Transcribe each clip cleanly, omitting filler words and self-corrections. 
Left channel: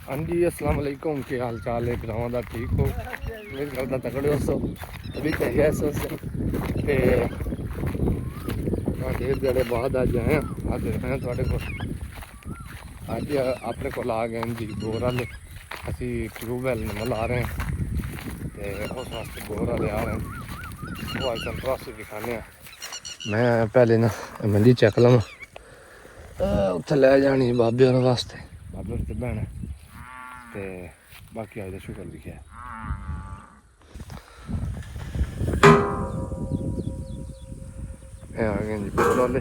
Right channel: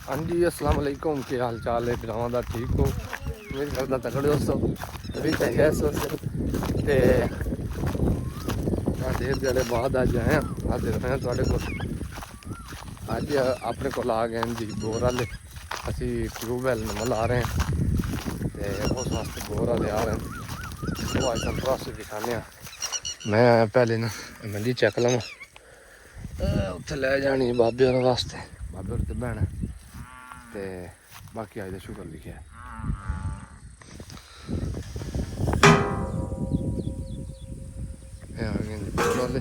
हाँ जी अस्सलाम वालेकुम, क्या हाल चाल है भरावां दा? ठीक हो? उम्मीद करदा तगड़े हो सो तभी चाहिए सो ते डेढ़ जड़े बाद अज आए अज आए थोड़े को अज अपने को आ गए जी बोर वाले असी ट्यूबवैल नवां ला रहे हैं तो उस वास्ते बोर वाले आ रहे हैं वो अज कंट्रास्ट दिखाने। मैं पहले ना मंडी चेक लवां उत्थे लै जानी बाबे होरें वास्ते, बाबे होर ते भैन ते बाकी अज दा शुकर लिखिया आ गए जी बोर वाले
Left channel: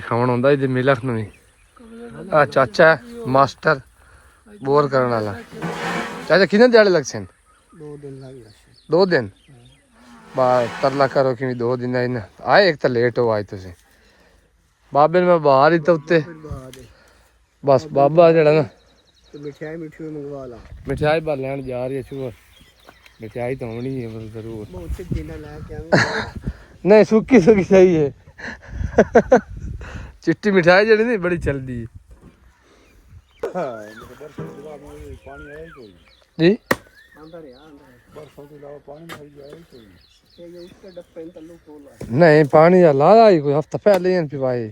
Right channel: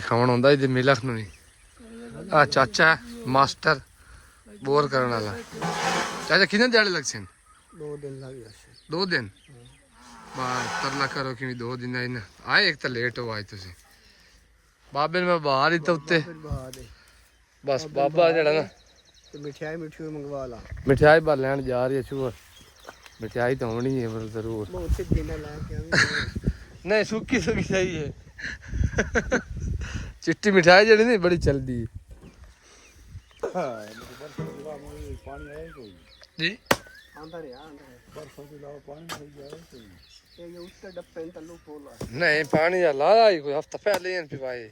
खावन आंदा जी मिलख नूं भी आ चाचा है मास्टर बोर करने वाला। चाचा कितने दिहाड़े लग सन? 2 दिन लग गए। 2 दिन बाद तरला करो कि 2 दिन आए एक तो लेट हो आए तुम बाबे मैं बाहर ही तो उत्ते बस बाबा जड़ा ना मिठाई मंगवा ला मिठाई बार लैन जा रही है शुगर मिठाई तो होनी है बस जरूर नहीं सुखी सुखी सही है चिट्टी मिठाई जड़ी नहीं बड़ी चलती है जी नहीं पानी ला कोई हफ्ता पहले ही पिवाए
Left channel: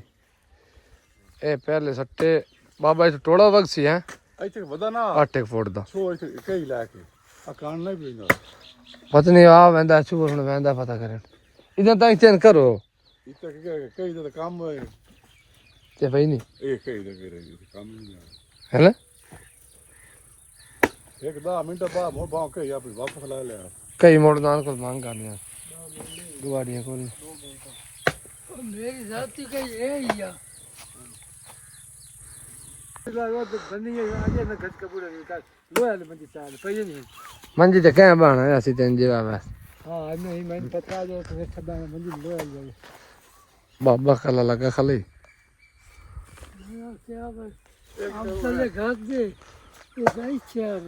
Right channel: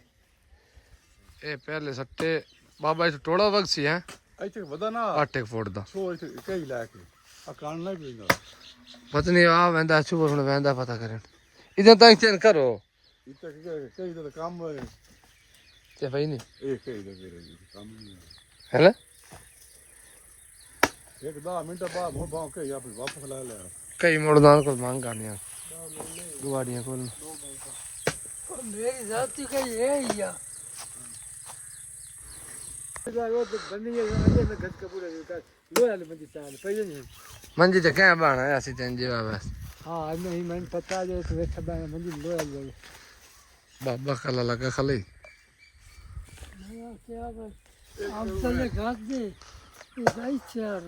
ए पहले सट्टे बाबा इस टोड़ा वक्त सी है 8 फुट दा पता नहीं आ वेंदा छुवर हुन वेंदा पता करन इधर तक चेन करो ते भाई नहीं है ना एक 10 मिनट बाद बहुत भाग के या वापस ला ले कई मोड़ना को मांग करनी गुवाड़ियां खोल मेरी जाति का ये ही है मंजी तो क्या बना है ऐसी तेन जीवा बस हाँ नहीं मैंने पता है जो तुम्हें खबर है मंजी ले आ जाएगी बाबा खला लगा खले क्या बस हम चले घाट दे ये गाय चार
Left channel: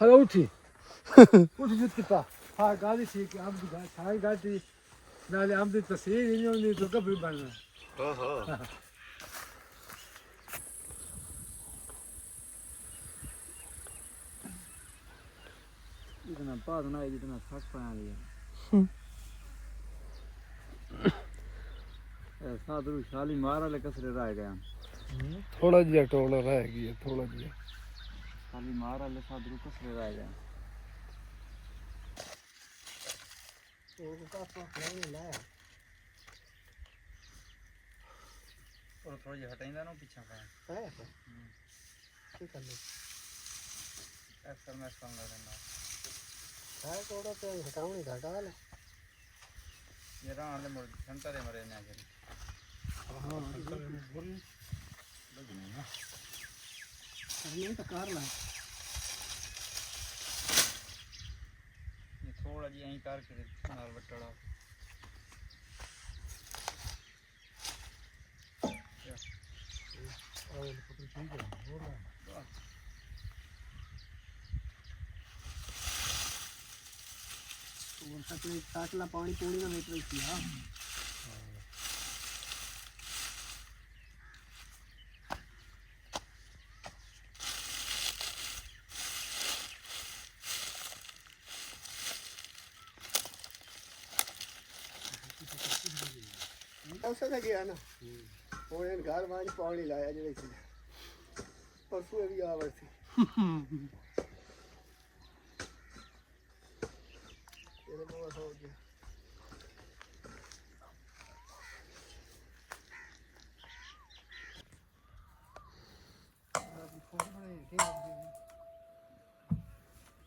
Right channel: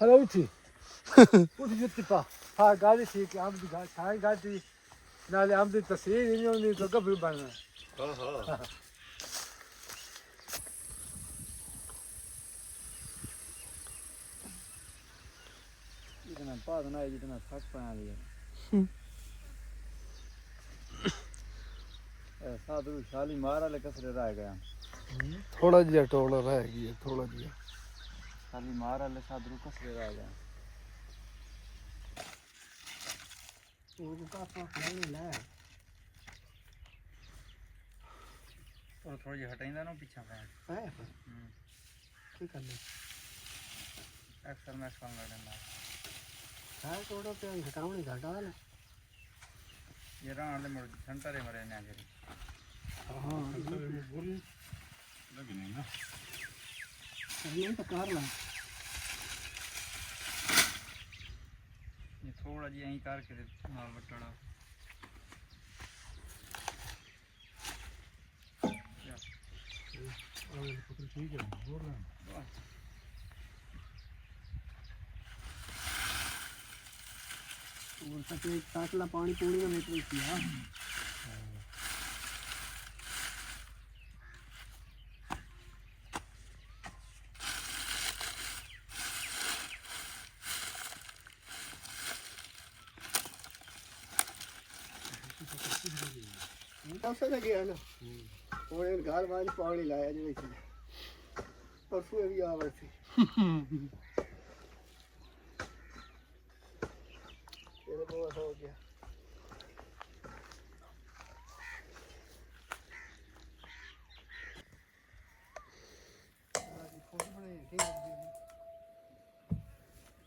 हेलो उठी उठी जुत्ती पा हाँ गाड़ी ठीक है आम की सारी गाड़ी ना आम की तस्वीर नहीं तो कभी बनना हाँ हाँ इतना पास ना जितना थक पाया लिया ऐसा तो शाली मारा ले कसरे रह गया थोड़ा जिया टोला रह गया थोड़ा जिया शाली मारा ले सादरू कसरे रह गया एक का पास नहीं लाया और थोड़ा जी हटाइंदा ना पीछे पाया ठीक है अक्सर मैं इसको लड़ने ना है थोड़ा पे हटाऊंगी घटा ले ये रान ले मोड़ सेंटर है मरे ने जरी हां सेंटर में बोल लगने ना नहीं तो कर ला ये थोड़ा जी यहीं कर के नाल बटड़ा और ठीक है बोल रहा और सके ताटला पानी पूरी में मेट रही थी हां ऐसे लगे है ना थोड़े घर बाज पानी लाया जो इसे परसों भी आवे थी ये बहुत हो गया बाकी फोटो बने ठीक है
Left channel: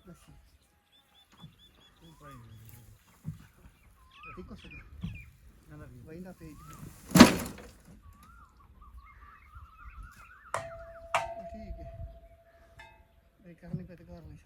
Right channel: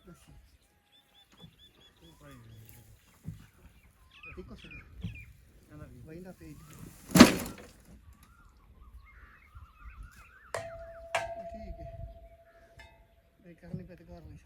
बस ठीक हो सके वही ना पेज ठीक है भाई करने पे तो कर ली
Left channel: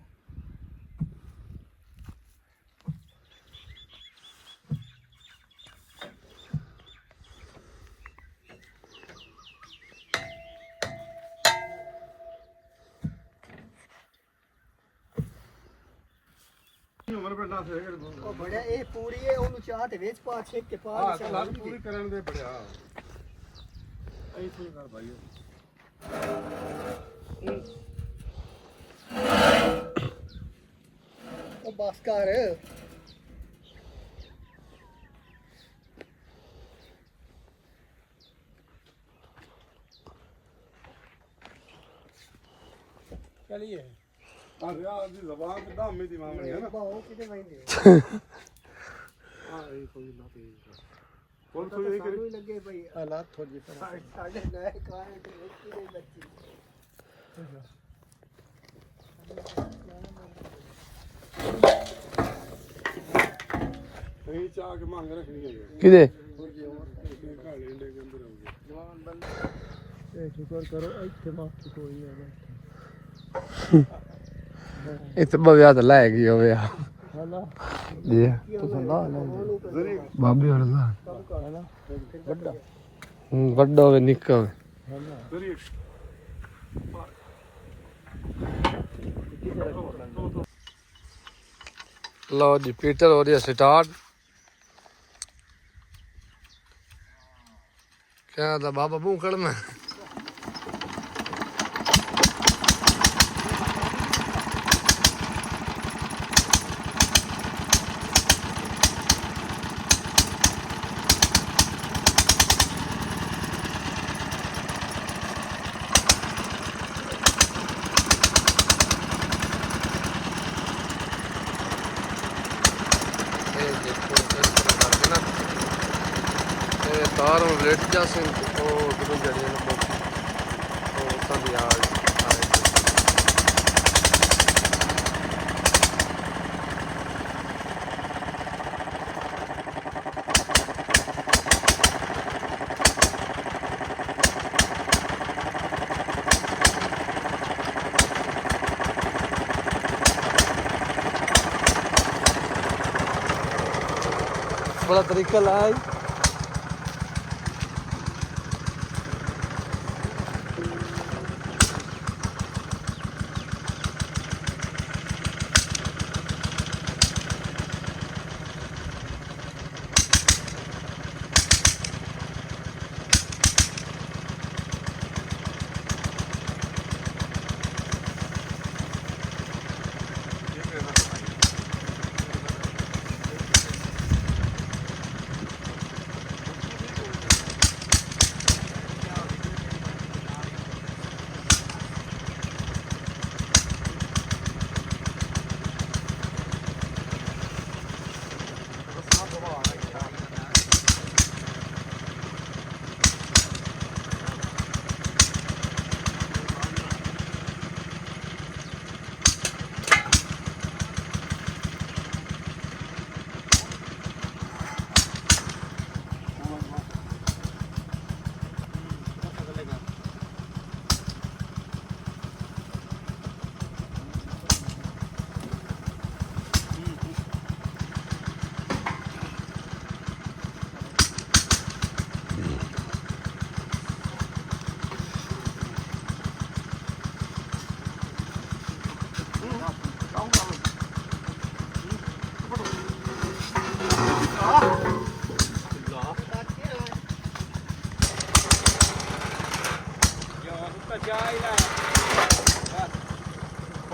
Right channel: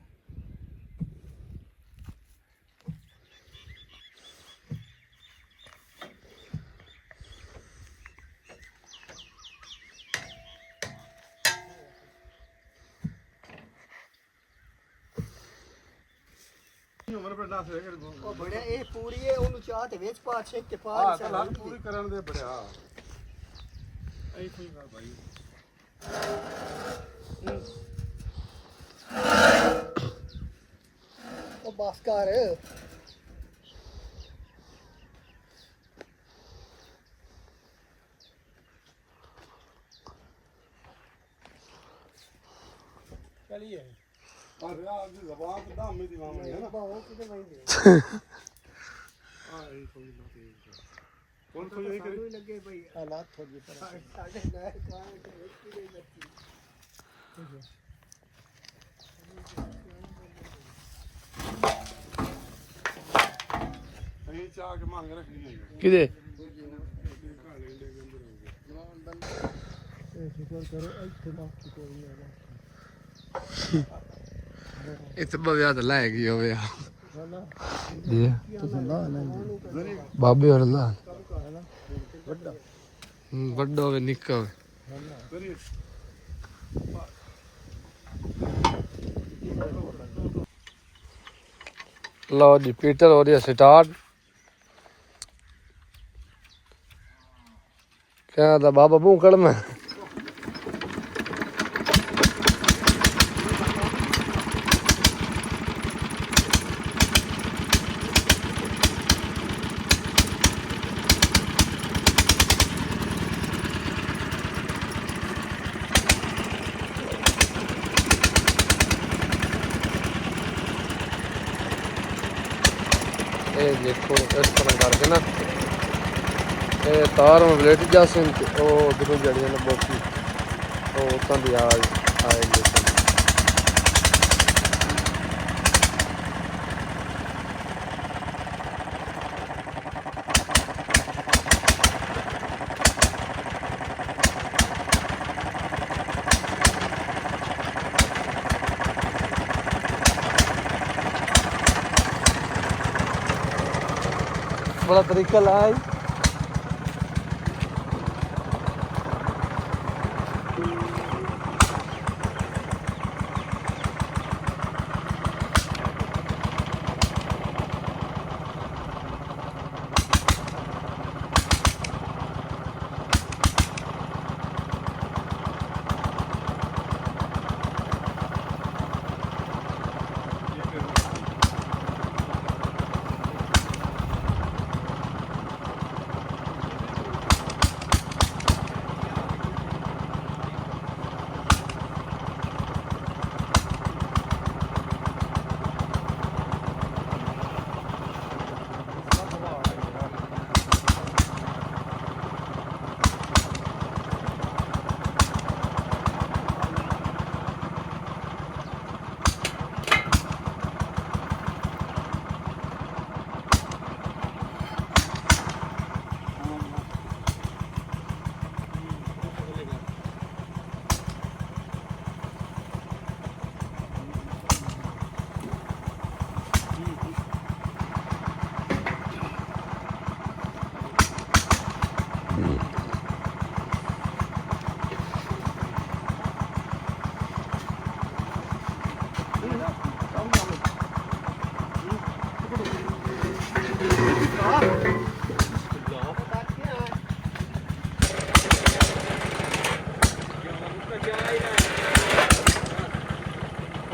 ਉਹ ਬੜਿਆ ਇਹ ਪੂਰੀ ਹੈ ਉਹਨੂੰ ਚਾਹ ਤੇ ਵਿੱਚ ਪਾ ਛੇਕ ਕੇ ਪਾ ਹਾਂ ਕਲਾਸ ਪੂਰੀ ਕਰਨ ਦੇ ਬੜਿਆ ਐਂ ਕੋਈ ਕਰ ਭਾਈ ਉਹ ਬਸ ਕਰ ਚਲੀਏ ਅਰੇ ਆ ਦੀ ਜ਼ਬਾਨ ਤੇ ਦਾਮੇ ਦੀ ਮਾਮੀ ਹੈ ਨਾ ਬਾਹੋ ਕਿਤੇ ਵੈਂਦੇ ਆ ਇਹ ਕੋਈ ਨਾ ਤੇ ਕੋਲ ਕੋਈ ਇਹ ਸਾਨੂੰ ਹੀ ਲੱਗੇ ਭਈ ਹਾਲਾਤ ਥੋੜੀ ਸਾਡੇ ਗਏ ਕਾਂ ਕਿ ਦੇ ਬੱਚੀ ਇਹ ਚਾਹ ਕੇ ਮੰਗ ਰੱਖਣੀ ਹੈ ਕਿਦੇ ਕਾਲੇ ਦੇ ਅੰਦਰ ਇਹ ਸ਼ੁਕਰ ਕਰੋ ਇੱਥੇ ਬਾਤ ਕੋਈ ਨਹੀਂ ਆਦਾ ਇੱਥੇ ਬਵਿਆ ਤਾਂ ਲੈ ਗਈ ਹੋਵੇ ਆ ਹਲਾ ਜੀ ਤੁਸੀਂ ਲਾ ਲੈ ਬਾਬੇ ਹੋਰ ਲਾ ਕੰਮ ਕਰਨਾ ਵੱਡਾ ਵੱਡਾ ਹੋਵੇ ਨਿੱਕਾ ਹੋਵੇ ਕਰੀਏ ਲਓ ਜੀ ਪੀਟਰ ਹੋ ਰਿਹਾ ਸਟਾਰਟ ਕਹਿੰਦਾ ਬਾਬਾ ਭੂਕੜ ਮੈਂ ਇਹ ਦੇਖੋ ਇਸ ਤਰ੍ਹਾਂ ਕਰਕੇ ਨਾ ਇਹ ਤਾਰ ਨੂੰ ਬਲੇਟ ਜਾਸਨ ਉਹ ਉਧਰੋਂ ਜੜੀਆਂ ਨੇ ਬੋਕੀ ਉਹ ਉਤਾਂ ਦੀ ਆਏਗੀ बड़ा तरीका लाया है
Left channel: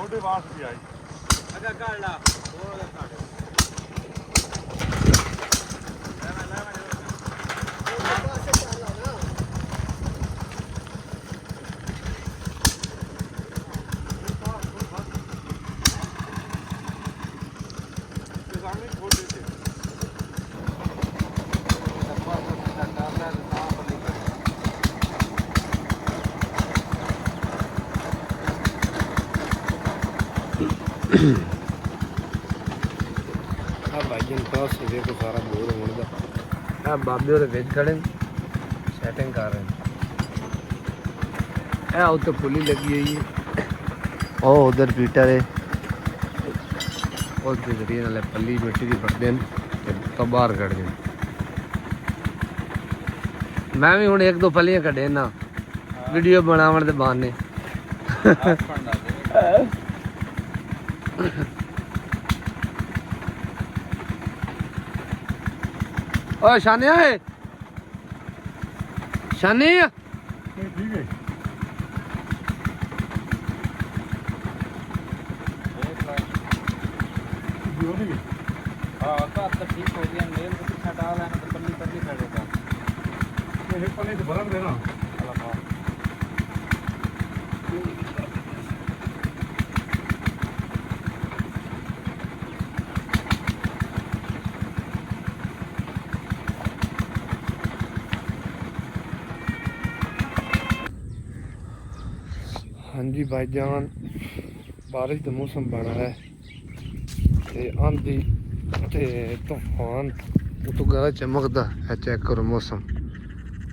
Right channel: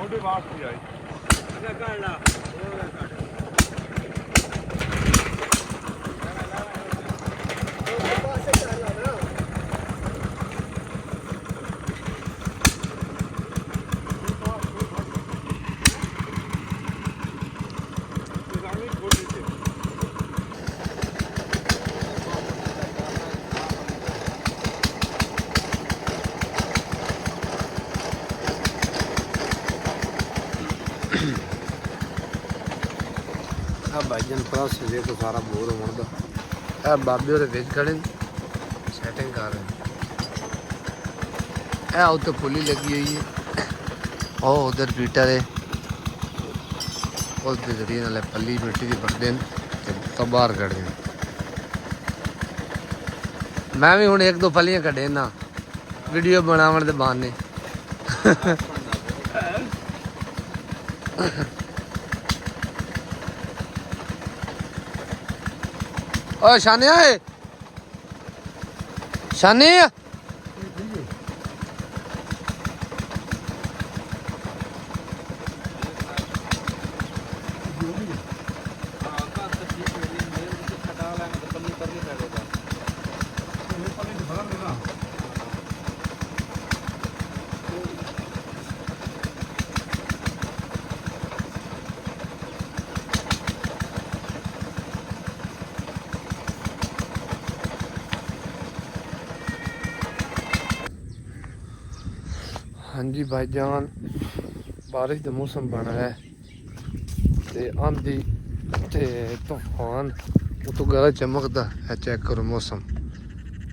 ਥੋੜੇ ਵਾਸਤੇ ਜਾਈ ਅਗਾ ਕਾਲਾ ਥੋੜਾ ਕਾਟ ਆ ਭਾਈਜਨ ਕ੍ਰਾਸ ਜੇ ਕੋ ਸਾਰਾ ਬੋਰ ਹੋਣ ਦਾ ਆ ਬਾਬੇ ਉਹਦੇ ਵਿੱਚ ਖੜੇ ਨੇ ਸੈਟਿੰਗ ਕਰ ਰਹੇ ਨੇ ਇਹ ਉੱਤੇ ਪੁਲੀ ਲੱਗੀ ਹੋਈ ਹੈ ਉਹ ਉਧਰ ਪੀਟਰ ਹੈ ਉਸ ਦੇ ਜ਼ਰੀਏ ਨਾਲ ਪੱਲੀ ਮਿੱਟੀ ਦੀ ਭਰਦੇ ਨੇ ਤੇ ਤਾਂ ਬਾਹਰ ਕੱਢਦੇ ਨੇ ਮੈਂ ਵੀ ਹੁਣ ਇੱਕ ਦੋ ਪੱਲੀਆਂ ਕੱਢੇ ਨਾ ਵੀਡੀਓ ਬਣਾਉਣ ਦੇ ਬਹਾਨੇ ओ शानिया है शानी ਠੀਕ ਹੈ ਹੋ ਗਈ ਹਾਂ ਘਰ ਤਾਂ ਠੀਕ ਹੋ ਗਿਆ ਮੇਲ ਤੇ ਛੱਡਾ ਲੈਣਾ ਤਾਂ ਕੰਮੀ ਕਰਨੀ ਪੈਣਾ ਇਹ ਪੱਲੇ ਚ ਭਰਨ ਦੇਣਾ ਅਲਾਪਾ हाँ जी भाईजान, बारिश का मौसम बना है ते आंधी ते तूफान उतो गला चमकदा है। चेक करो मौसम,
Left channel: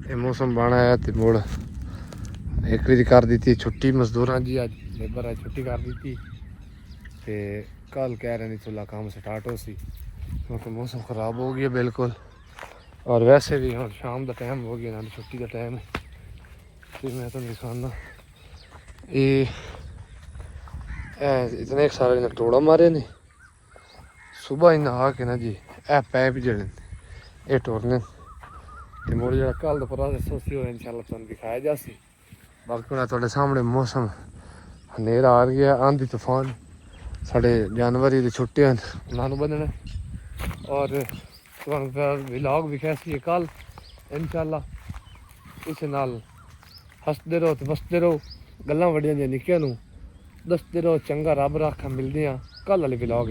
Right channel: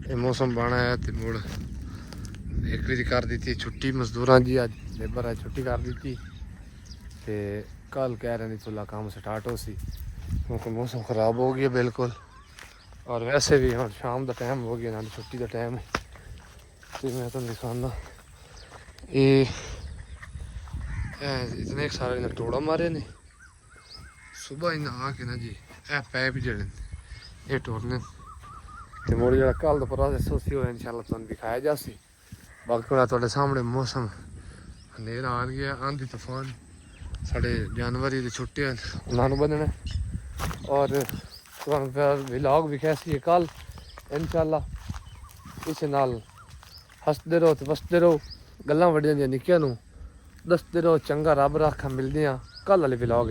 ये मौसम बना है ते मुड़ एक बारी कर दी थी छुट्टी मजदूरां जी, अज लेबर है छुट्टी कर दी थी ते कल कह रहे नहीं चला काम स्टार्ट हो सी क्योंकि मौसम खराब हो गया बिल्कुल। और वैसे भी हम शाम का टाइम हो गया ना, छुट्टी का टाइम। तो मैं तुम दिखाना ये इतने सारे ने टोड़ा मारे ने सुबह ही नहा के ना जी, ए पैप जड़े ये टोरने ते मुड़ जरा कल दोपहर से सोसी हो इंशाल्लाह तुम दिखाया जासी। बाकी हुण तुहाडे सामने मौसम हनेरा आ गया, आंधी तूफान, साढ़े जानवर ही छुट्टे हैं उन्होंने बदना। और व्लॉग भी कैसी है कल इंशाल्लाह, इस नाल हसते रहो तो बसते रहो, गल्लां वड्डियां दी निक्कियां नूं दसते रहो। चंगा रब रखा, मिलदे आं कल वाले व्लॉग।